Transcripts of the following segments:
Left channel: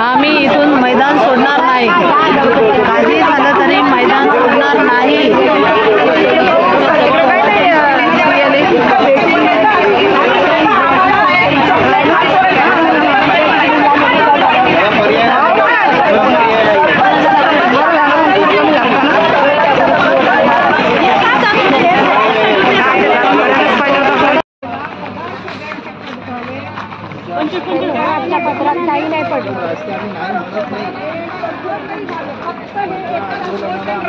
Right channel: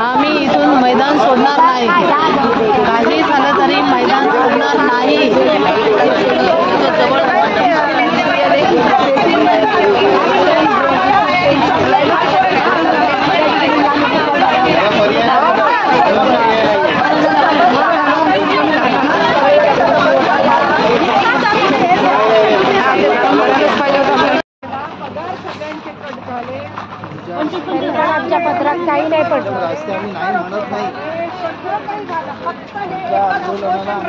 आम्ही इथून मैदान सोडणार नाही, काही झालं तरी मैदान सोडणार नाही। आमच्या पत्रात काही नाही पडलं।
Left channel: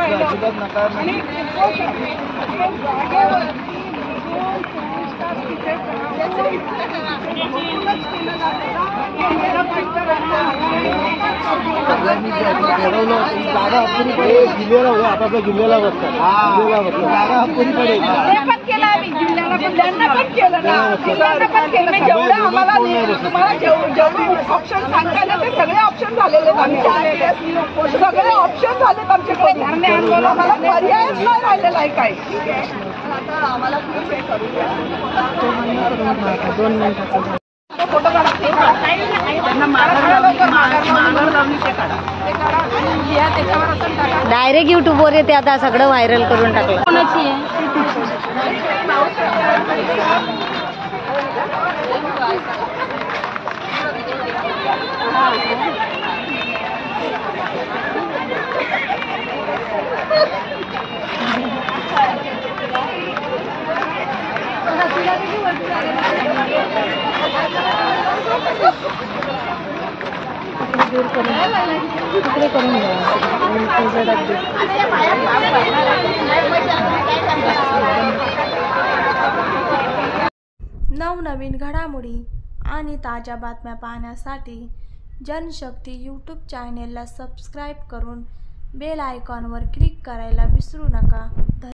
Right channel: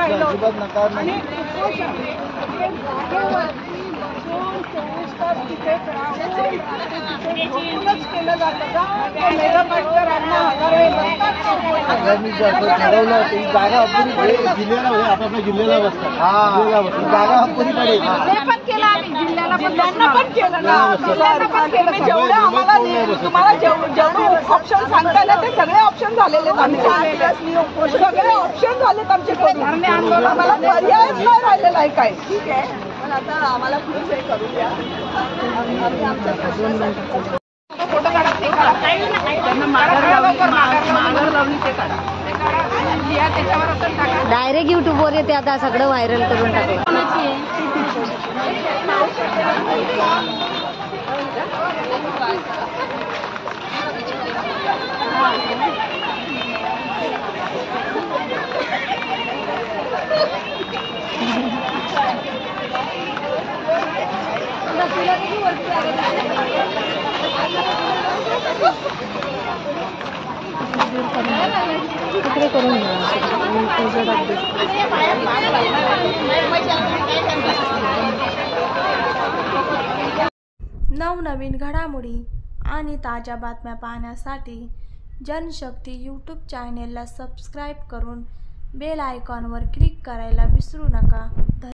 अजिबात नकार नाही। जागा अपुरी पडेल, जिल्ह्याला हो, आपल्या जिल्ह्याला बसतं, जागा अपुरी पडेल। ऑप्शन सांगताय ना ते सगळे ऑप्शन झालेले सगळे ऑप्शन झालेत आमच्याकडे। आम्हाला पर्यायच नाही राहिलेला आहे काय। ठीक आहे, आता आम्हाला प्लीज हे करू द्या। डायरेक्ट यूट्यूबवर येते आता, सगळं व्हायरल करून टाकलं। नवनवीन घडामोडी आणि ताज्या बातम्या पाहण्यासाठी जनशक्ती यूट्यूब चॅनेलला सबस्क्राईब करून बेल आयकॉनवर क्लिक करायला विसरू नका।